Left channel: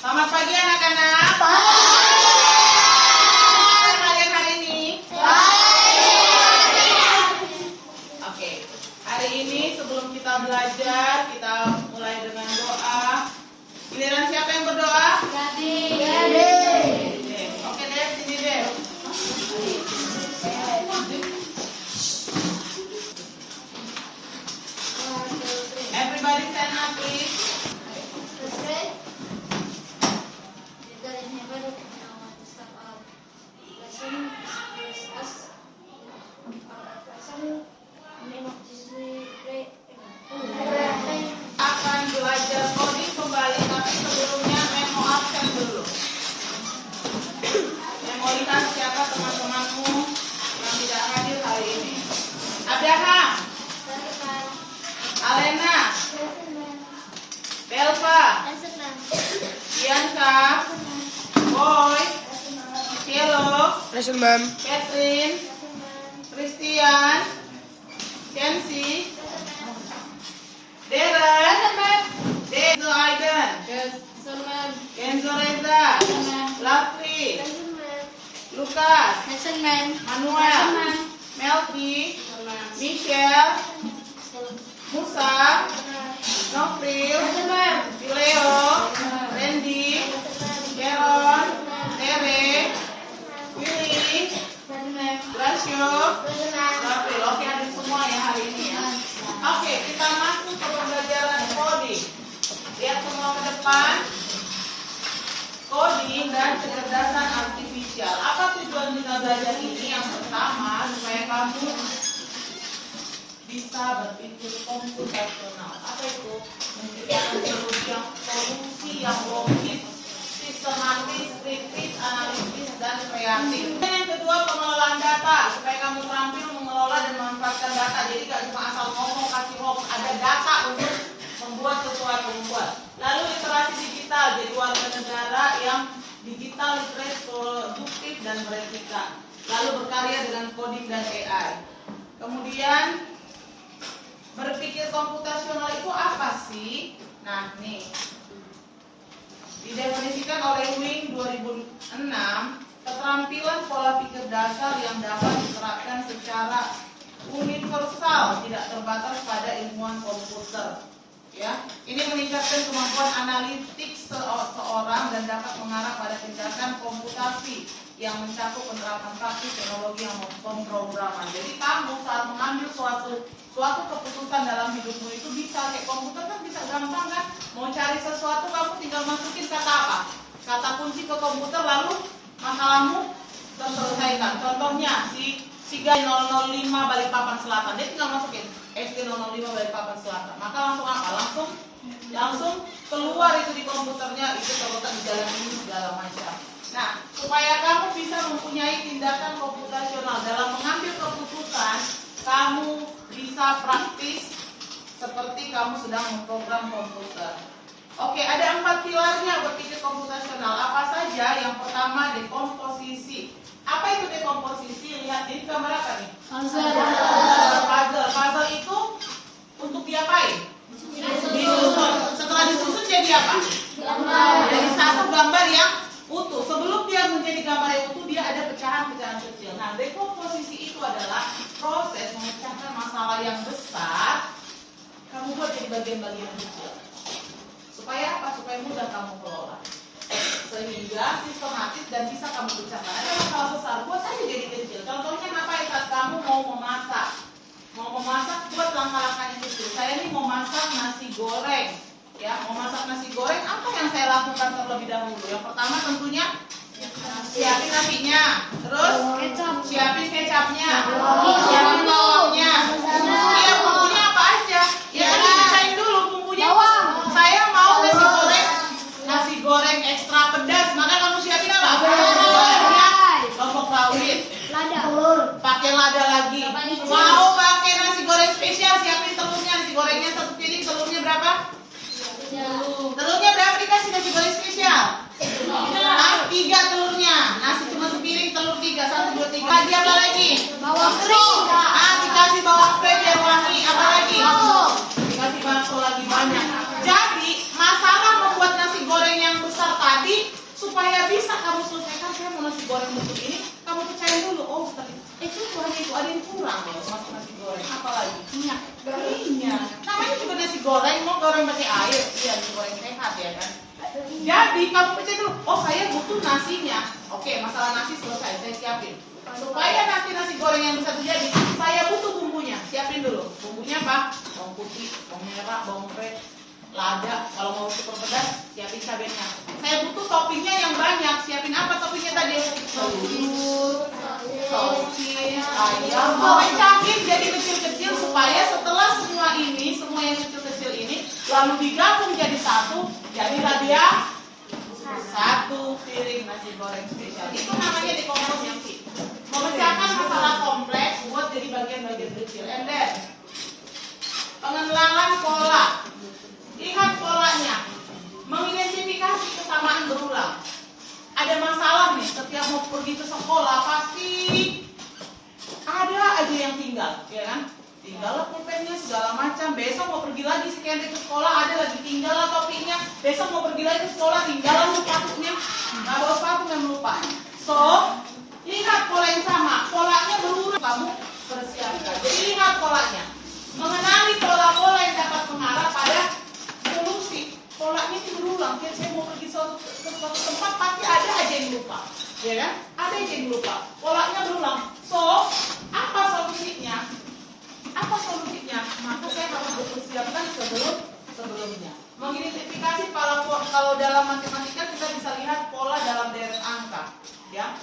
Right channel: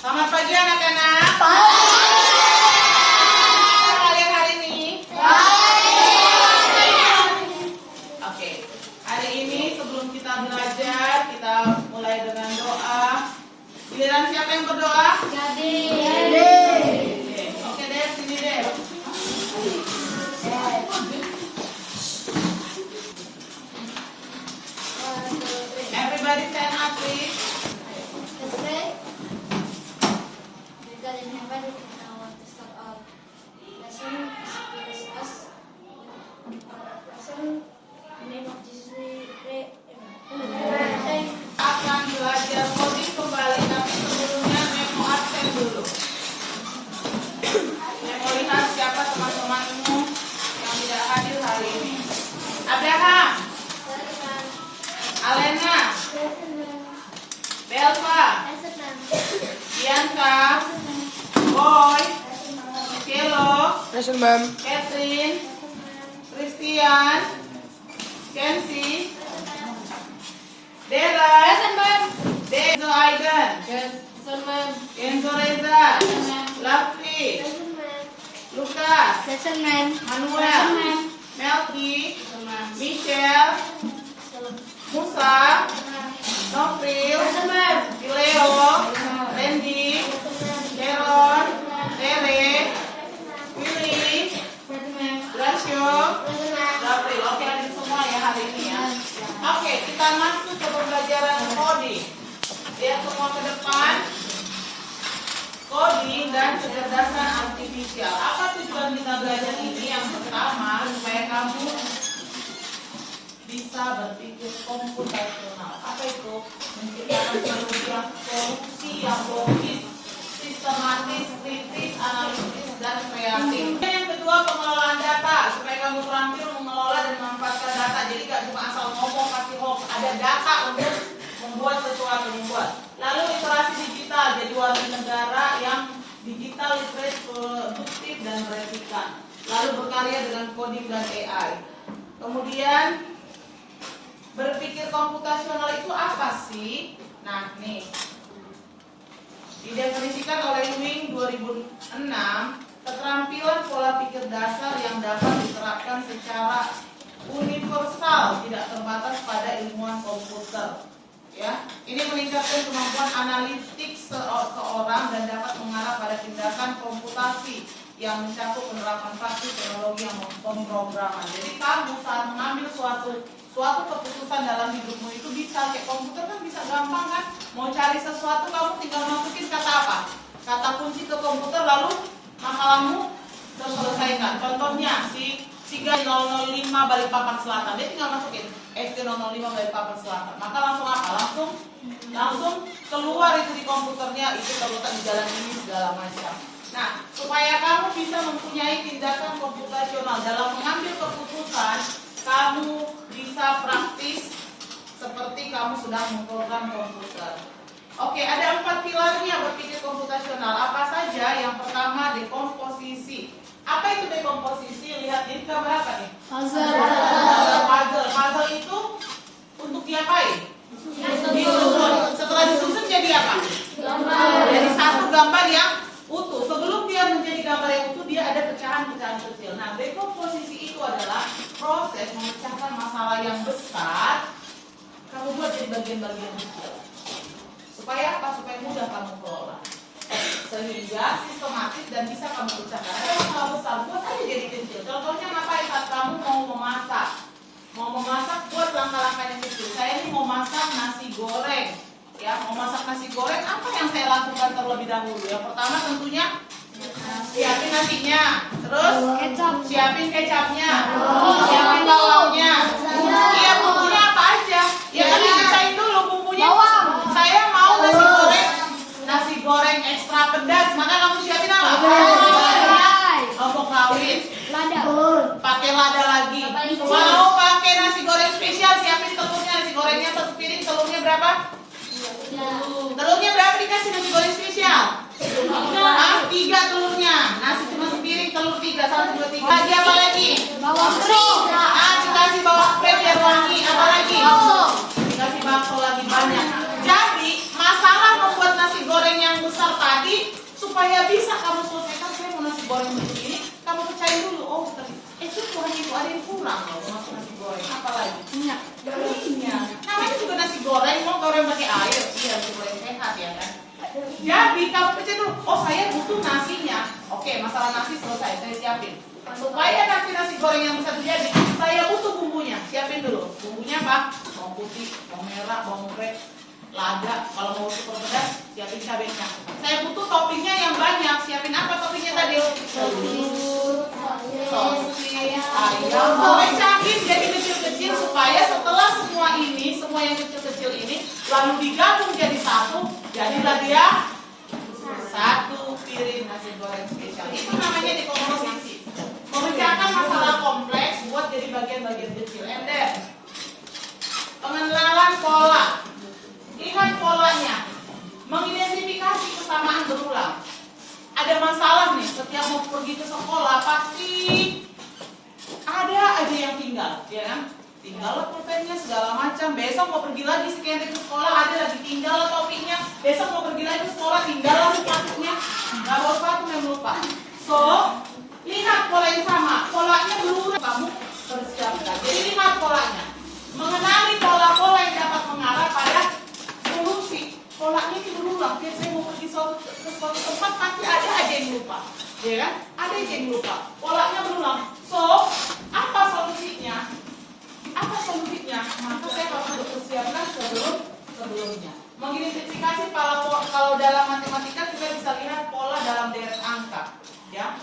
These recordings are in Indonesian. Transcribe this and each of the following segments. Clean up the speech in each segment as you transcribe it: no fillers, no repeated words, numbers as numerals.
Selamat pagi anak-anak. Kalian hari ini? Oke. Hari ini sebelum kita belajar, kita mulai dengan doa. Giliran siapa yang berdoa? Gabi. Oke deh, sini deh. Everybody stand up, please. Akan belajar coding kembali, tapi sebelumnya Memo absen dulu. Memo lihat siapa teman-temanmu yang tidak hadir hari ini. Abraham, Alena, Belva, Bianca, Boy, Hello, Lesson, Ma'am. Catherine, Christian, Kenzie, Darren, Denzo Aiden, Kenzo Reza, Lafri, Lukas, Manuel, Melky, Michelle, Musa, Nofril, Leo, Randy, Deron, Tere, Willy, Gracio, Lafril. Oke, hadir semua ya hari ini ya. Oke, kita masuk ke pembelajaran coding. Lihat semua ke depan. Coding dan kecerdasan artifisial. Apa tujuan kita belajar ini? Yang pertama, supaya kamu bisa berpikir komputasional. Apa itu? Menciptakan solusi yang logis, sistematis, kritis, analitis, dan kreatif. Yang kedua, pengelolaan data. Supaya kamu terampil mengelola dan memanfaatkan data. Jadi gak cuma asal ngomong, kasih hoax. Ada data untuk membuat sesuatu membuat. Lalu literasi digital. Jadi warga negara yang digital, literate, produktif, dan beretika. Lalu berkarya dengan coding dan AI. Kemudian berpikir komputasional itu apa sih? Nah, nih. Didefinisikan oleh Wing 2006, keterampilan pola pikir dasar yang dapat diterapkan secara universal, tidak terbatas pada ilmuwan komputer. Ya, ini meningkatkan kemampuan analitik seorang dan dapat mengarah pada tindakan komputasi yang mencakup penerapan praktik teknologi yang pemrograman. Jadi kamu saat mengambil suatu keputusan dalam hidupmu itu bisa kayak komputer kan bisa gampang kan? Mau cari sesuatu kamu tinggal masukin kata apa? Kata kunci ke komputer lalu masalahmu terselesaikan. Contohnya si Siga 005 Balikpapan Selatan, dia tinggal masukin FT 005 Balikpapan Selatan. Maka langsung apa? Langsung keluar itu di komputernya, itu terletak di jalan ini segala macam. Nah, supaya kamu bisa mempunyai tindakan komputasional dalam mengambil keputusan, kamu bisa praktis seperti kamu sedang memprogram komputer. Oke, ada 4 pilarnya berpikir komputasional. Apa saja? Yang pertama, dekomposisi. Apa itu dekomposisi? Lihat ini gambar apa nih? Puzzle itu untuk diapain? Disusun. Setelah disusun jadi apa? Jadi satu gambar yang utuh. Sebelum dia menjadi gambar yang utuh, dia ada pecahan-pecahan kecil. Nah, dekomposisi itu adalah proses memecahkan masalah yang besar, kamu buat jadi bagian-bagian kecil. Supaya apa? Supaya mudah kamu kelola. Sehingga sistematis dan bisa kamu pecahkan. Ada masalah besar, buat aja jadi kecil. Contohnya ngapain saat kamu mau memasak? Mau memasak, buat langkah-langkah yang kecil. Saya ini mau masak nasi goreng. Ya, mau masak nasi goreng, apa yang saya lakukan terlebih dahulu? Yang pertama tentunya siapin nasinya, terus siapin kecapnya, siapin bawangnya. Iya, bumbunya apa aja? Ya tadi pisahin dulu bumbunya. Saya mau nasi goreng ekstra pedas, maka kamu siapin apa? Lombok rawit, pakai lada lagi. Mau pakai nasi goreng spesial, siapin telurnya. Nasi gorengnya 1 piring, telurnya berapa? Telurnya berapa dikasih nasi goreng spesial? 3 telurnya. Nasi cuma sepiring, telur 3, 1, 2, 3. Lagi apa lagi? Bawang pre. Dikasih bawang pre biar wangi. Apa lagi? Dikasih bakso lagi banyak. Jadi masalah membuat nasi goreng yang besar tadi supaya bisa kamu selesaikan, saya mau nasi goreng bentuk ini, kamu percaya dulu, oh hanya itu ada yang kurang loh masuk nasi goreng, apalagi minyak. Namanya juga nasi goreng, mau goreng pakai air, iya nasi goreng sehat ya kan. Jadi kamu percaya dulu, oh saya butuh nasinya, oke masalah nasi selesai, saya siapin. Supaya nasi goreng yang bisa terjadi, saya butuh bumbunya, siapin dulu. Bumbunya apa? Bawang putih, bawang merah, bawang goreng, lada, kalau mau super pedas, siapin cabenya. Saya butuh toppingnya yang banyak, siapin apa toppingnya tadi? Telur, sosis, ayam, sampai cabai jadi kecil-kecil supaya setelah semua ini, semua yang kecil-kecil ini, lalu digabung jadi satu, jadilah dia satu piring nasi goreng spesial. Itu namanya dekomposisi. Memecahkan masalah kompleks buat jadi bagian-bagian kecil. And then, pengenalan pola. Lihat polanya. Mengidentifikasi kesamaan berulang. Ada masalah nih, setiap mau pergi ke sekolah pasti ada aja yang tinggal, ya kan? Tinggal pulpennya segala macam. Besok mau pergi lagi sekian ke sekolah, ada lagi tinggal topinya. Besok mau pergi lagi ke sekolah, tinggal sepatunya. Nggak bawa sepatu yang lupa. So, lihat pola yang sama. Polanya berulang, kamu persiapkan. Jadi lihat polanya. Mengenali pola-pola yang dapat mengarah pada solusi. Polanya itu berulang. Biar saya mau pergi ke suatu tempat pasti ada aja yang lupa, ya kan? Ada aja yang lupa. Polanya berulang. So, apa solusinya? Apa solusinya? Maka saya harus mempersiapkan sebelumnya. Mengidentifikasi kalau dalam matematika kita bisa lihat pola dalam deret angka, ya.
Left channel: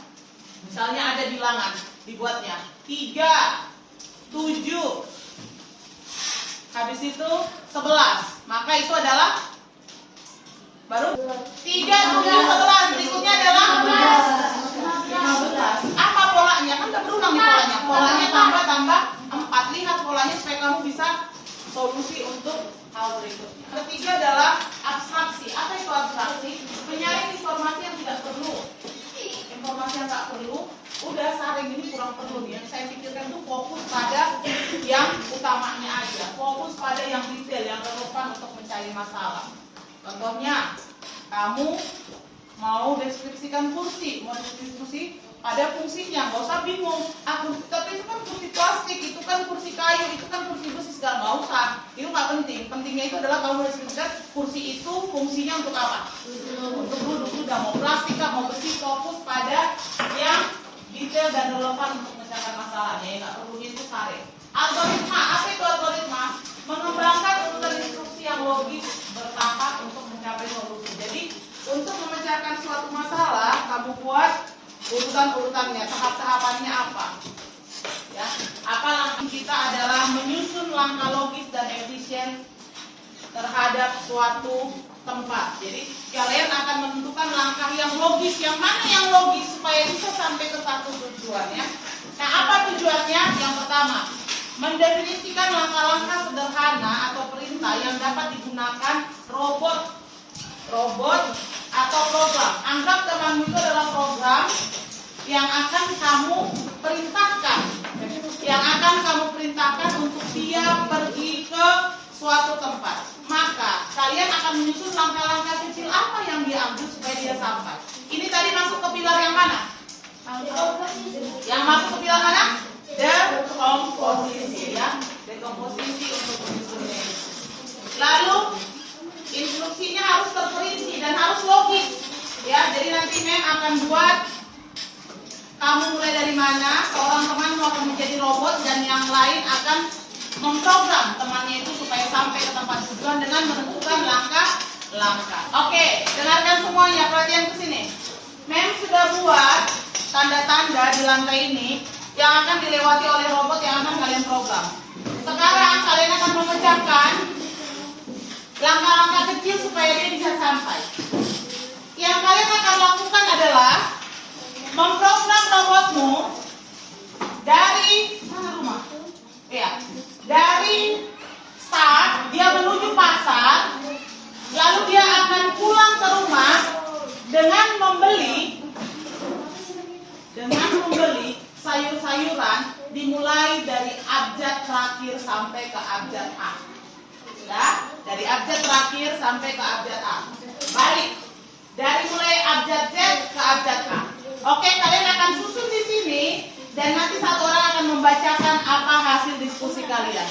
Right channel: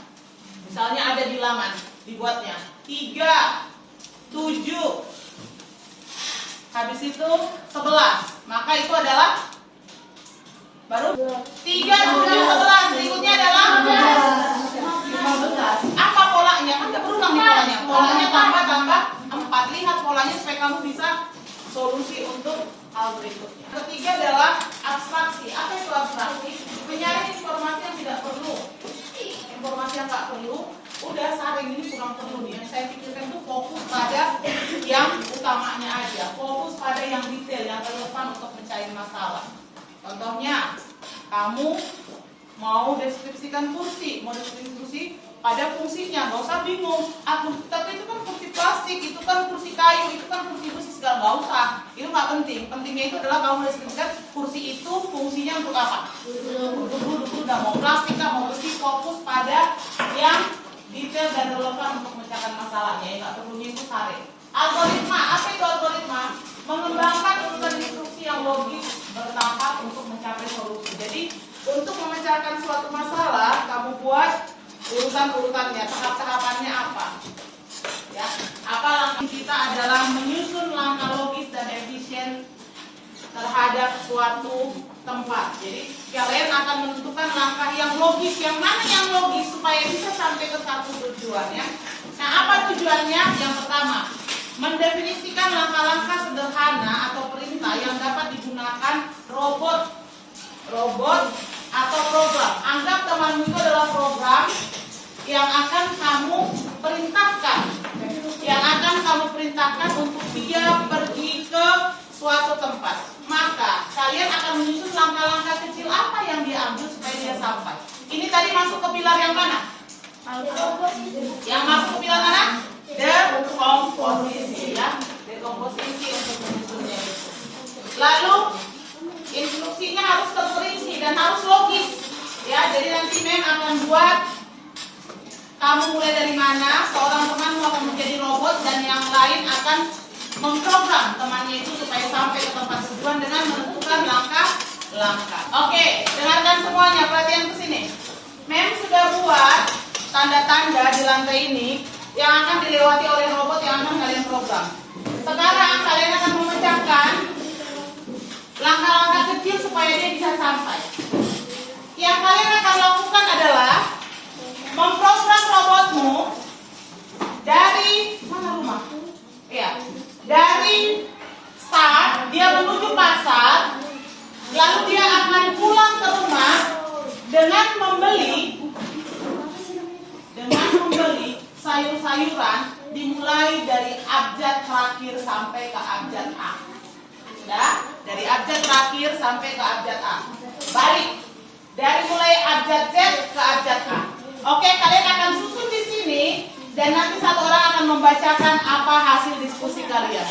Misalnya ada bilangan, dibuatnya 3, 7, habis itu 11, maka itu adalah baru 3, 7, 11, berikutnya adalah 15. Apa polanya? Kan nggak berulang nih polanya. Polanya tambah 4. Lihat polanya supaya kamu bisa solusi untuk hal berikutnya. Ketiga adalah abstraksi. Apa itu abstraksi? Menyaring informasi yang tidak perlu. Informasi yang tak perlu, udah saring ini kurang perlu. Yang saya pikirkan itu fokus pada yang utamanya aja. Fokus pada yang detail, yang relevan untuk mencari masalah. Contohnya, kamu mau deskripsikan kursi, mau deskripsi pada fungsinya, nggak usah bingung. Tapi itu kan kursi plastik, itu kan kursi kayu, itu kan kursi besi, segala nggak usah. Itu nggak penting. Pentingnya itu adalah kamu deskripsikan kursi itu fungsinya untuk apa? Untuk duduk. Udah mau plastik, mau besi, fokus pada yang detail dan relevan untuk memecahkan masalahnya. Nggak perlunya itu sare. Algoritma, apa itu algoritma? Mengembangkan urutan instruksi yang logis bertahap untuk mencapai solusi. Jadi untuk memecahkan suatu masalah, kamu buat urutan-urutannya, tahap-tahapannya apa? Ya, apa langkah kita adalah menyusun langkah logis dan efisien terhadap suatu tempat. Jadi kalian akan menentukan langkah yang logis, yang mana yang logis supaya bisa sampai ke satu tujuannya. Nah, apa tujuannya? Yang pertama, mendefinisikan langkah-langkah sederhana atau perintah yang dapat digunakan robot atau program. Anggap temanmu itu adalah program yang akan kamu perintahkan, untuk dia pergi ke suatu tempat. Maka kalian akan menyusun langkah-langkah kecil apa yang dia ambil supaya dia sampai. Ini tadi masuk ke pilar yang mana? Yang masuk ke pilar mana? Dekomposisi, ya. Dekomposisi untuk menyusunnya itu. Lalu instruksinya harus terperinci dan harus logis, ya. Jadi nanti Mem akan buat kamu mulai dari mana, seorang teman akan menjadi robot dan yang lain akan memprogram temannya itu supaya sampai ke tempat tujuan dengan menentukan langkah-langkah. Oke, dengarkan semuanya, perhatian ke sini. Mem sudah buat tanda-tanda di lantai ini yang akan dilewati oleh robot yang akan kalian program. Sekarang kalian akan memecahkan langkah-langkah kecil supaya dia bisa sampai. Yang kalian akan lakukan adalah memprogram robotmu dari mana rumah? Ya, dari start dia menuju pasar, lalu dia akan pulang ke rumah dengan membeli sayur-sayuran dimulai dari abjad terakhir sampai ke abjad A. Sudah? Dari abjad terakhir sampai ke abjad A. Balik. Dari mulai abjad Z ke abjad A. Oke, kalian akan susun di sini dan nanti satu orang akan membacakan apa hasil diskusi kalian.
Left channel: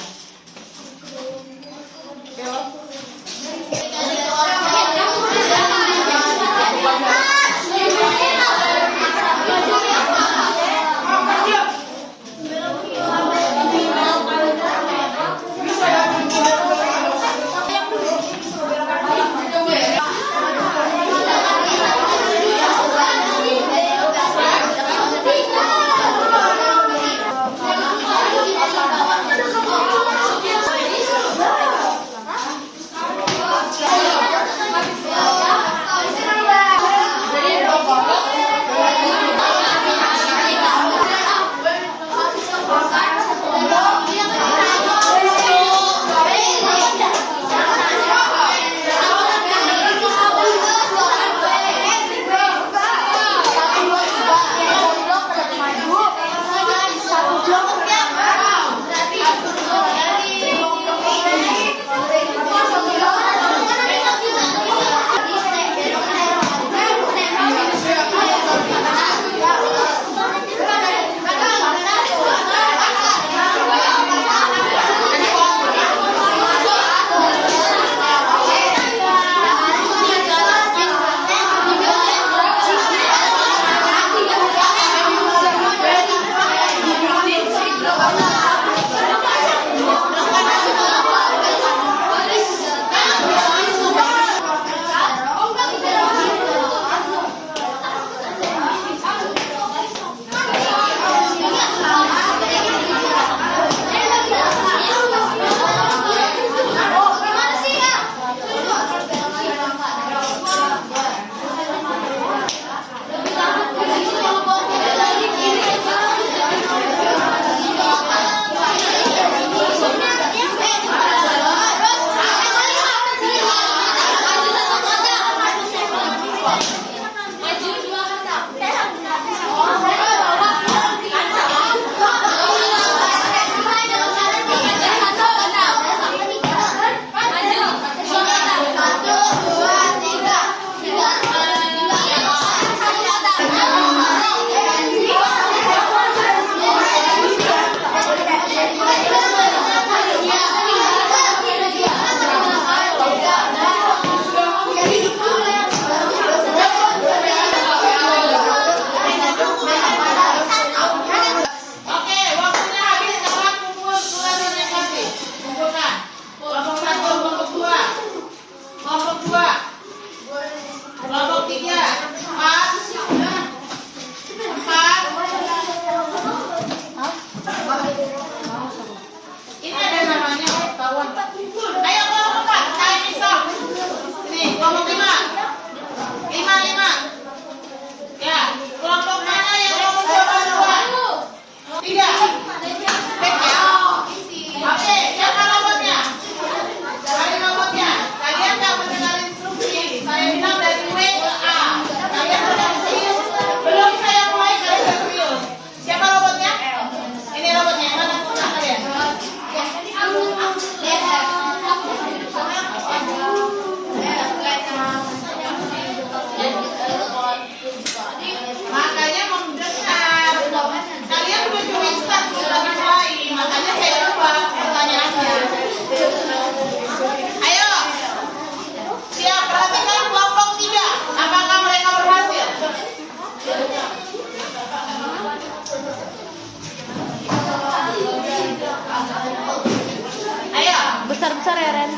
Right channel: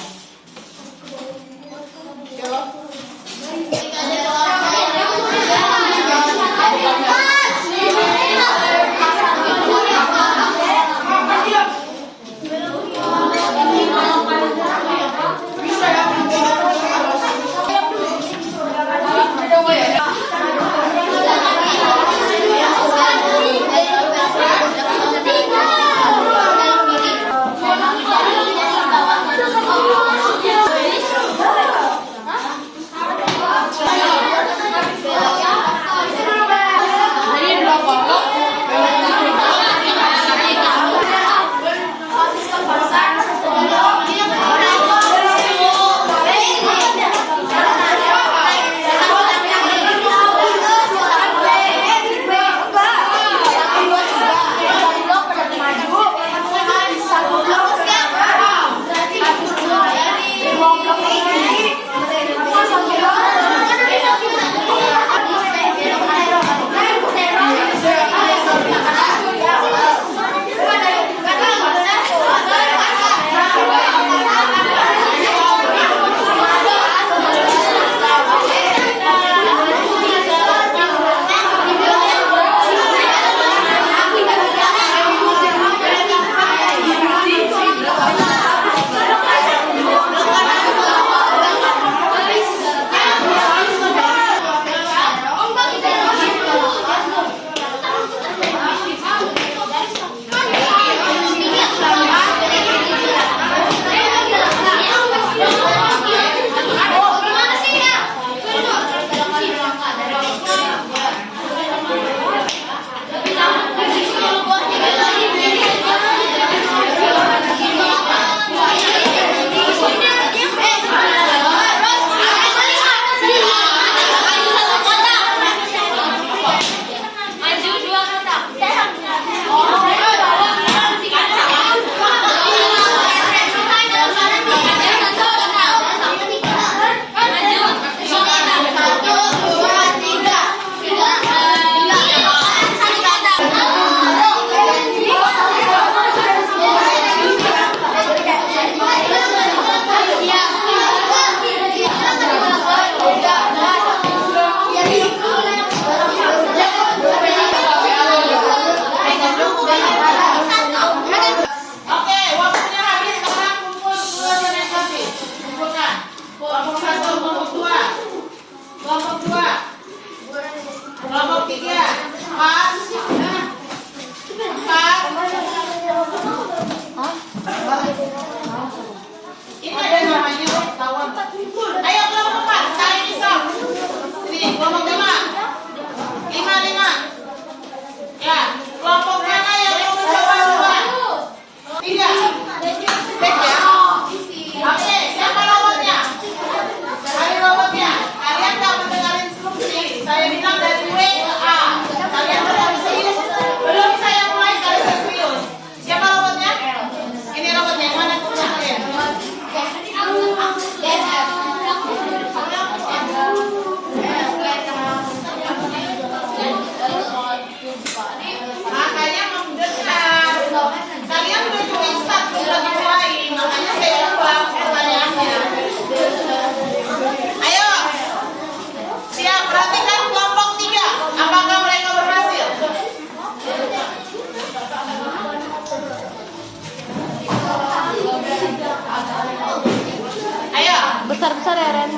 Besar-besar ya, Ren.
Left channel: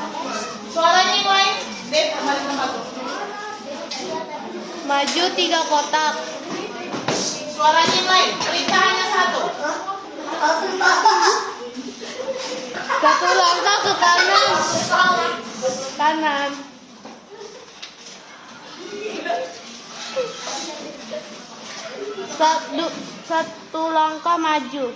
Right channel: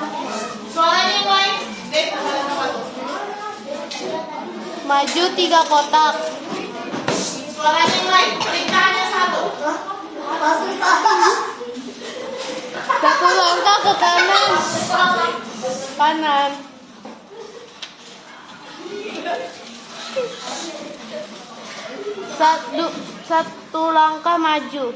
Suaranya mulai. Maju 3 kotak. Suaranya mulai. Perintah hanya satu. Satu langkah ke kanan. Kanan. Satu langkah maju.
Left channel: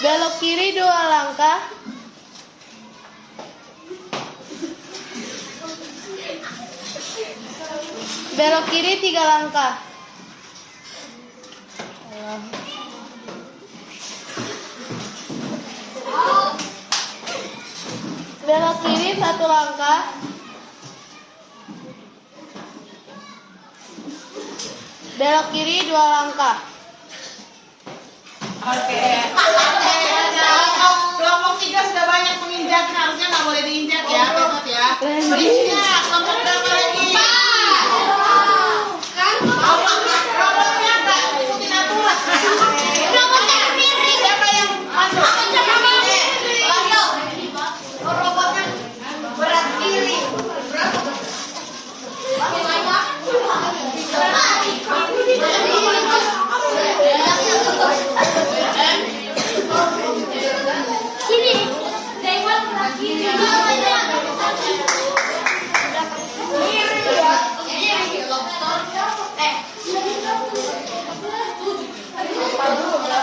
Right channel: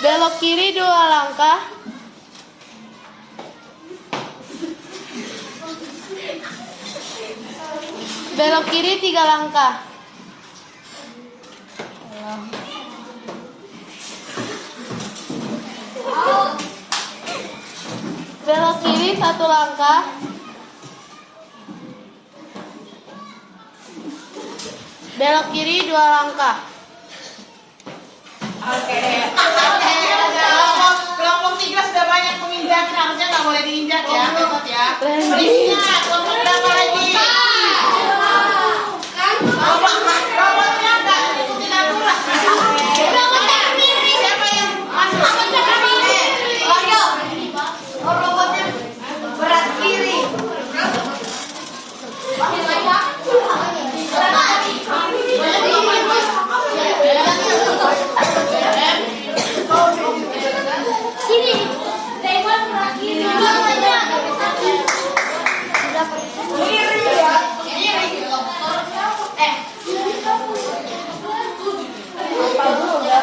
Belok kiri 2 langkah. Belok kiri 3 langkah. Belok kiri 1 langkah. Belok kiri 2 langkah. Oke. Kelompok 3 sudah banyak menginjak, harusnya nggak boleh diinjak ya, Tot ya. Selanjutnya kelompok berapa lagi? Robotnya nggak ikutin aturan. Siapa yang masuk? Robotnya berat kiri. Sini, tengok berat kiri. Kiri ya.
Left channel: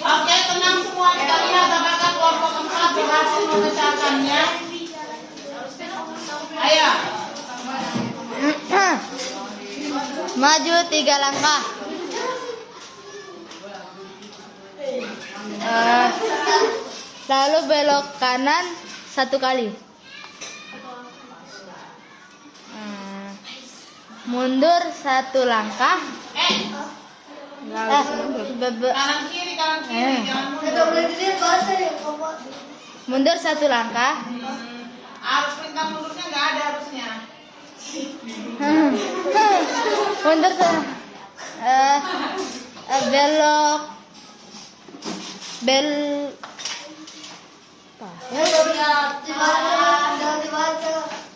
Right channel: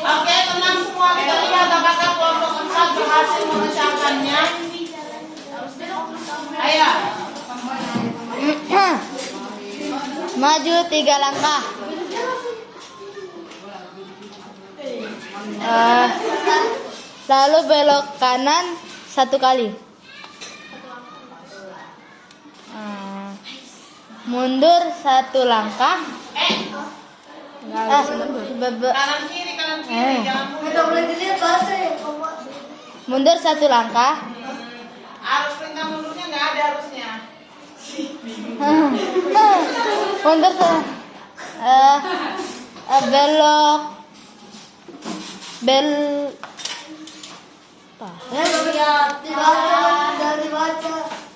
Oke, tenang semua. Kita lihat apakah kelompok 4 berhasil memecahkannya. Ayo. Maju 3 langkah. Lalu belok kanan 1 kali. Mundur 1 langkah. Kanan kiri, jangan Mundur 1 langkah. Harus perintah mundurnya nggak ada harusnya. Mundur belok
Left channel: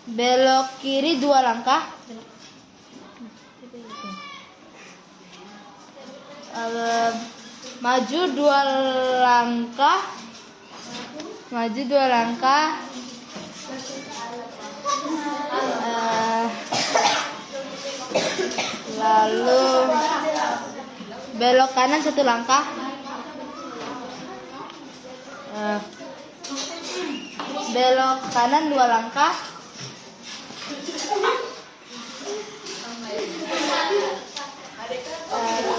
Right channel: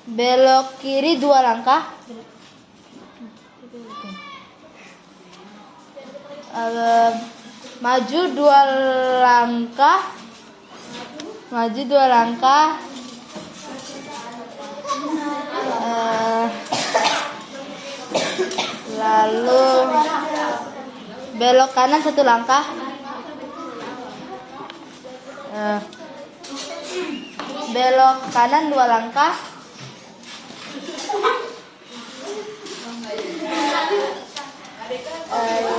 belok kiri 2 langkah. Maju 2 langkah. Maju 2 langkah. Lalu belok kanan 1 langkah. Belok kanan 2 langkah.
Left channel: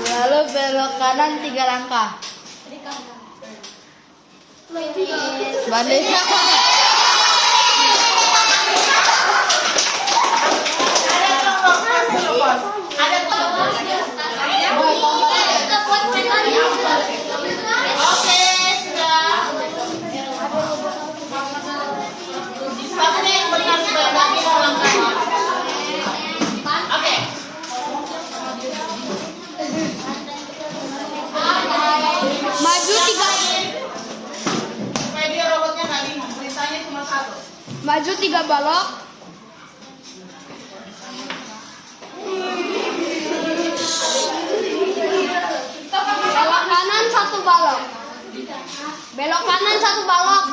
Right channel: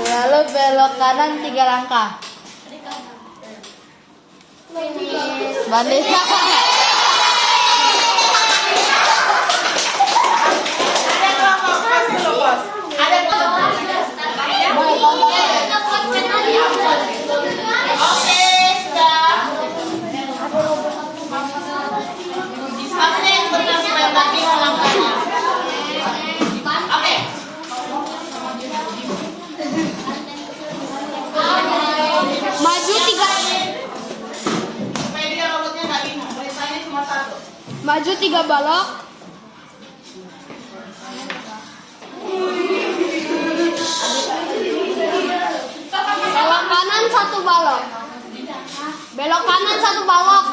Lalu belok kanan 3 langkah. Balik. Ada kelompok. Oke, sudah. Satunya yang berhasil lagi melangkahnya. Oke. Maju 3. Supaya dia robotnya nggak bingung. Perintahnya cuma 1. Maju 3 balok. Belok kanan 1 balok. Belok kanan 1 balok.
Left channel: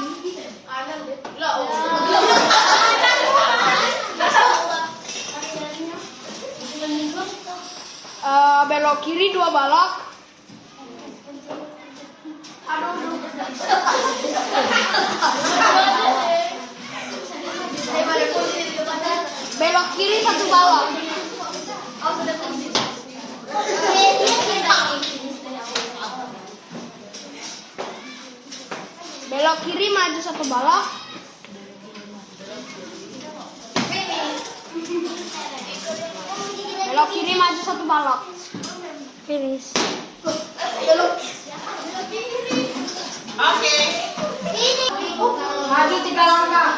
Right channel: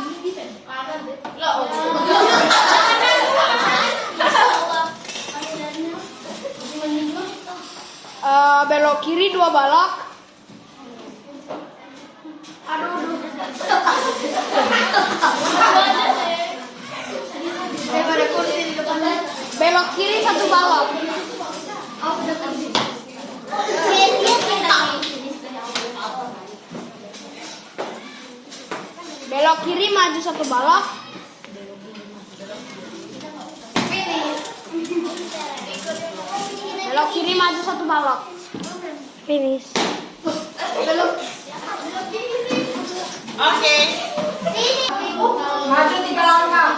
Belok kiri 2 balok. Belok kiri 1 balok. Belok kiri maju 1 balok. Belok kiri maju 1 balok. Finish. Oke. Maju 3 langkah.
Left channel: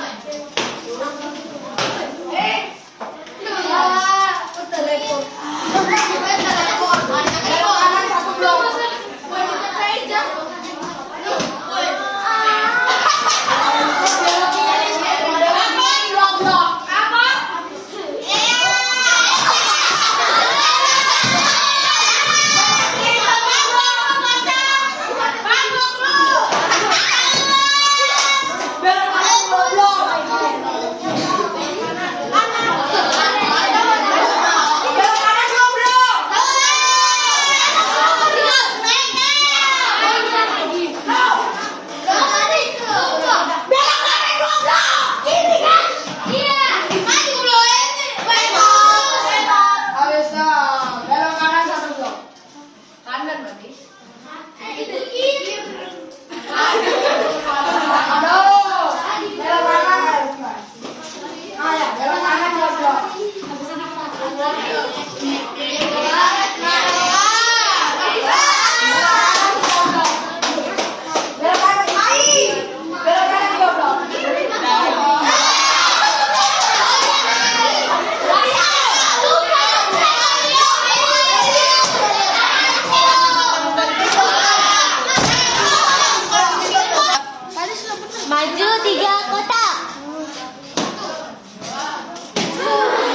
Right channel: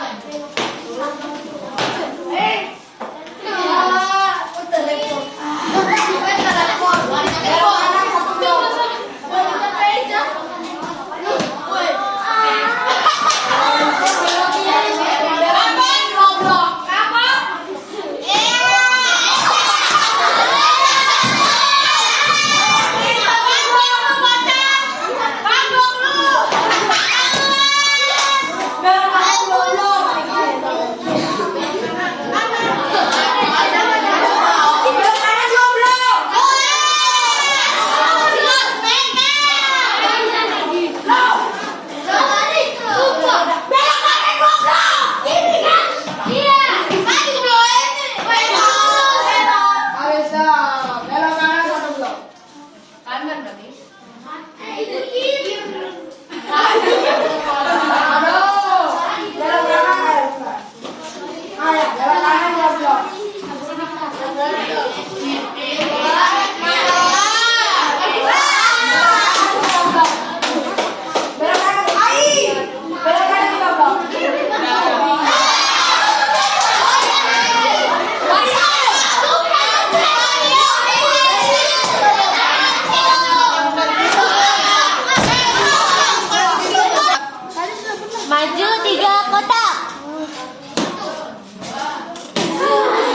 Maju 3 kotak.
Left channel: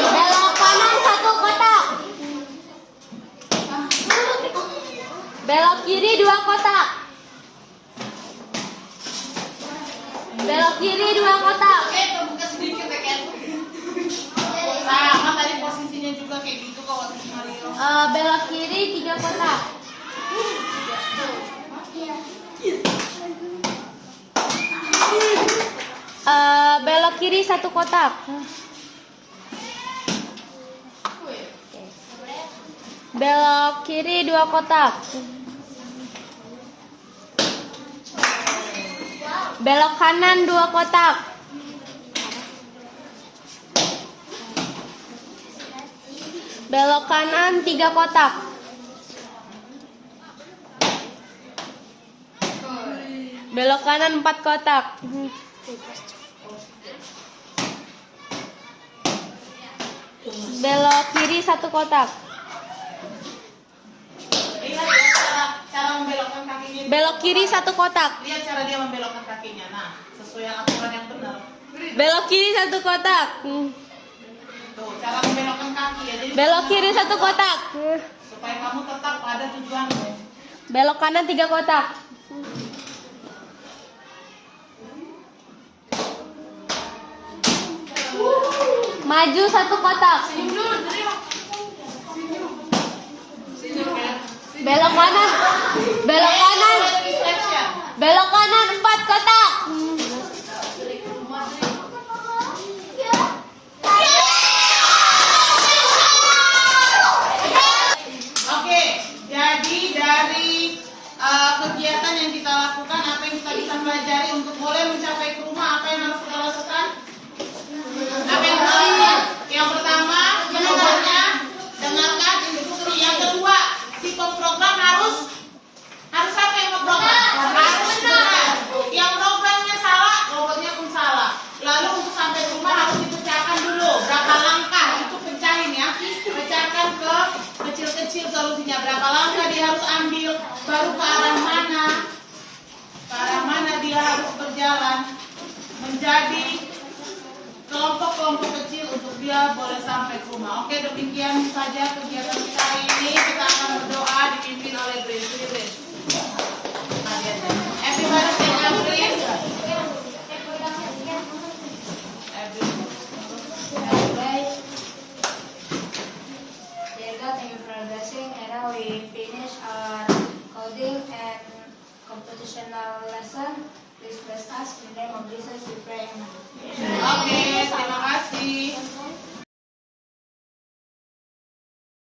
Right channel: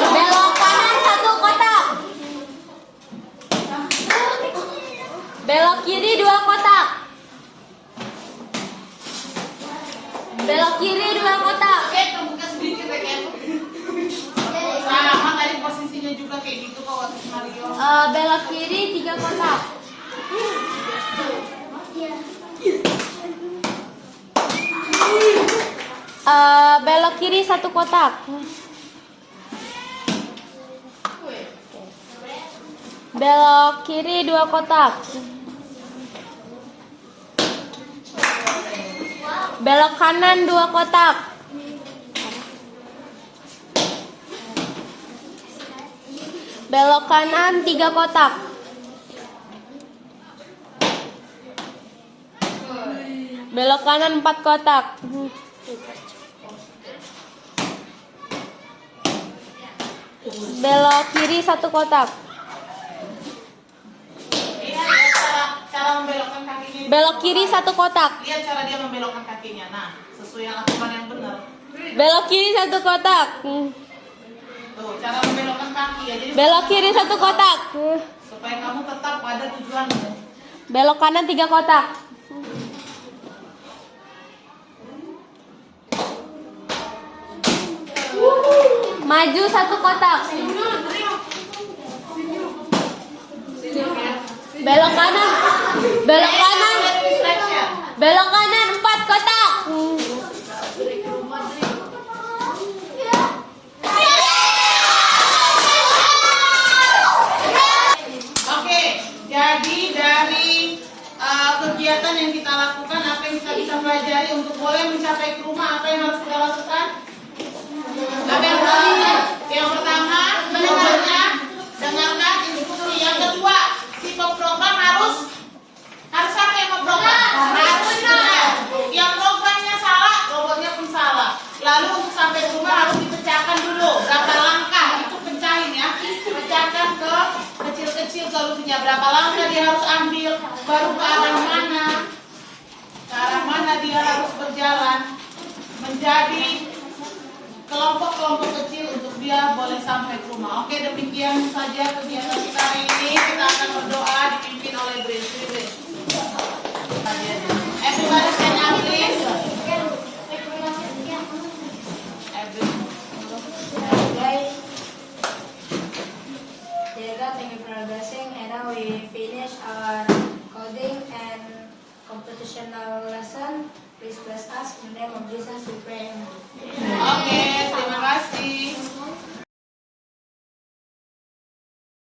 Belok kanan 1 kotak. Belok kiri 2 kotak. Belok kiri 2 kotak. Oke, terbuka sedikit ya kayak sama tadi posisinya juga kayak gitu kok waktu Mario. Belok kiri 3 kotak. Belok kiri 1 kotak. Belok kiri 2 kotak. Belok kanan 2 kotak. Belok kanan 3 kotak. Belok kanan 4 kotak. Belok kiri 1 kotak. Lihat ya, cara membelokkan kakinya. Belok kiri 1 kotak. Lihat cara dia membelokkan kakinya. Nah, sesuai aturan yang benar. Belok kiri 1 kotak. Tuh, cara membelokkan kaki ya. Jadi Belok kiri 1 kotak. supaya kamu tetap pada tujuanmu. Belok kanan 3 kotak. Maju 1 kotak. Belok kanan. Belok kanan. Distraction. Belok kanan 4 kotak. Oke, jadi dari kegiatan yang kita lakukan, apa yang kita bisa pelajari untuk boleh mencapai ke rumah, apa yang harus kita lakukan? Apa yang harus dilakukan? Yang pertama, dengarkan instruksi. Yang kedua, si pemprogram harus apa yang memprogram? Harus benar. Yang programnya salah, robotnya pun salah. Lalu untuk sampai ke rumah harus dipecahkan dulu. Berapa langkah itu pecahin ya? Pecahkan ke kecil-kecil solusinya. Berapa langkah dia harus ambil? Baru ke arah mana? Ke arah mana dia harus berjalan? Menjadi kelompok-kelompok kecil untuk dia boleh sampai ke rumah. Oke, demikian saja kegiatan kita hari ini. Kita akan berdoa dipimpin oleh Brains. Everybody stand up, please. Dear God, thank you for our blessing. And now we finish our coding and computational lesson. Please bless us. In the name of Jesus we pray. Amen. Oke, terima kasih.